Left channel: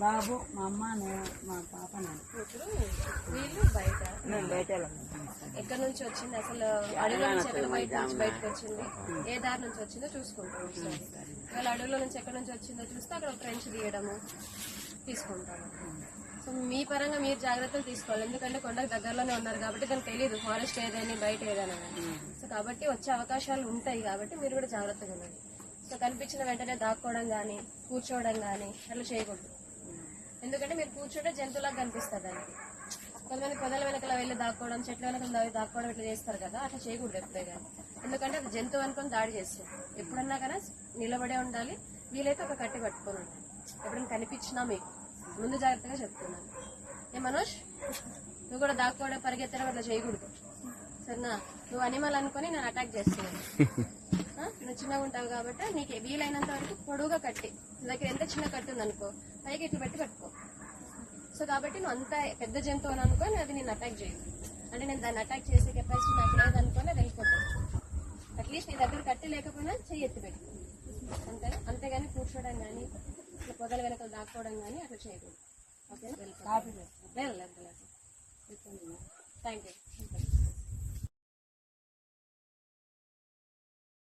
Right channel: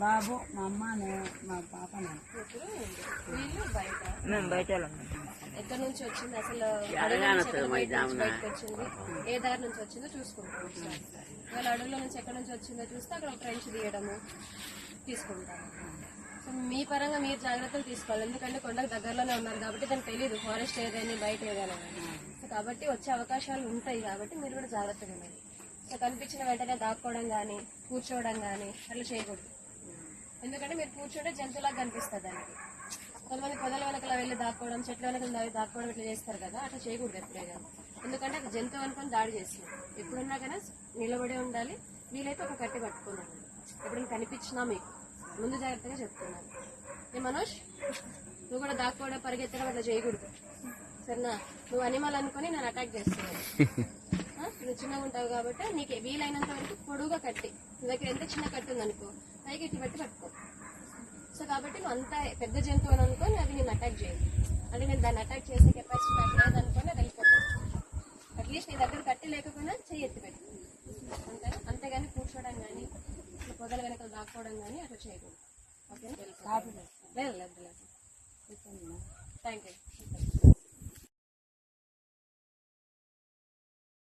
బాబు మా అమ్మ నేను మా పాప వీళ్ళు బయట. బయట ఎక్కడి నుంచి వచ్చింది? అసలు అడవుల నుంచి ఎక్కడ బయట నుంచి బయటకు వచ్చింది? ఏ దారి నుంచి వచ్చిందో చూసుకుంటాం. ఒకసారి వాళ్ళ అడవుల నుంచి ఎక్కడి నుంచి వచ్చిందో చూస్తే అక్కడ ఫ్రెండ్స్ తీయడము తీసుకుంటాము. సో మీ పరంగా మీరు జాగ్రత్తలు తీసుకోవాలి. ఎందుకంటే కొండకు దగ్గరలోనే ఉన్నారు కాబట్టి దానికి తెలియదు ఫారెస్ట్ ఏదని బయట ఏదని సో కాబట్టి వచ్చే అవకాశాలు ఉంటాయి కాబట్టి మీరు కూడా జాగ్రత్తగా సో కనిపించిన వెంటనే దాక్కోవడం కానీ కూర్చోవడం కానీ అట్లా చేయకూడదు. ఎందుకంటే మీరు కూర్చుంటే జంతువులాగా కనిపిస్తుంది దానికి కొంతమంది పొదల వెనకాల వెళ్ళి దాక్కోవడం చెట్ల వెనకాల దాక్కోవడం ఇట్లా చేస్తారు కదా అట్లా చేయకూడదు ఎప్పుడే కానీ. ఎందుకంటే అది జంతువు అనుకొని దాడి చేస్తుంది. ఎప్పుడన్నా కానీ నిలబడే ఉండాలి. వీలైతే ఒక కట్టి కట్టుకొని ఉండాలి. ఎప్పుడైనా కనిపించినా మీకు. ముందు జాగ్రత్తగా చెప్తున్నాను. ఏ మనోజ్ నువ్వు కూడా దాక్కోవడం పరిగెత్తడం అట్లా చేయకూడదు. సరేనా? నువ్వు అనిమల్ అనుకొని నేను అటాక్ చేస్తున్నాను? నువ్వు చిన్నగా ఉంటావు కాబట్టి నీకు వీలైనంత వరకు పొడుగా కట్టి. నీ దగ్గర ఎంత చిన్న కట్టు ఉందనుకో పైకి ఎత్తి పెట్టి పట్టుకో. సో కాబట్టి నువ్వు అంత పెద్ద జంతువులు అనుకొని అవి నేను అటాక్ చేయదు అంటే నేను దాన్ని అటాక్ చేసే కెపాసిటీ నాకు లేదనుకొని అది వెళ్ళిపోతాను అట్లీస్ట్ నీ దగ్గర కట్టి లేకపోయినా చెయ్యి ఎత్తి పెట్టు. అంతేనా? అంతేగాని కూర్చోవడం కానీ ఇట్లా పొదల వెనకాల దాక్కోవడం కానీ అట్లా చేయకూడదు. ఓకేనా లేదు థ్యాంక్ యూ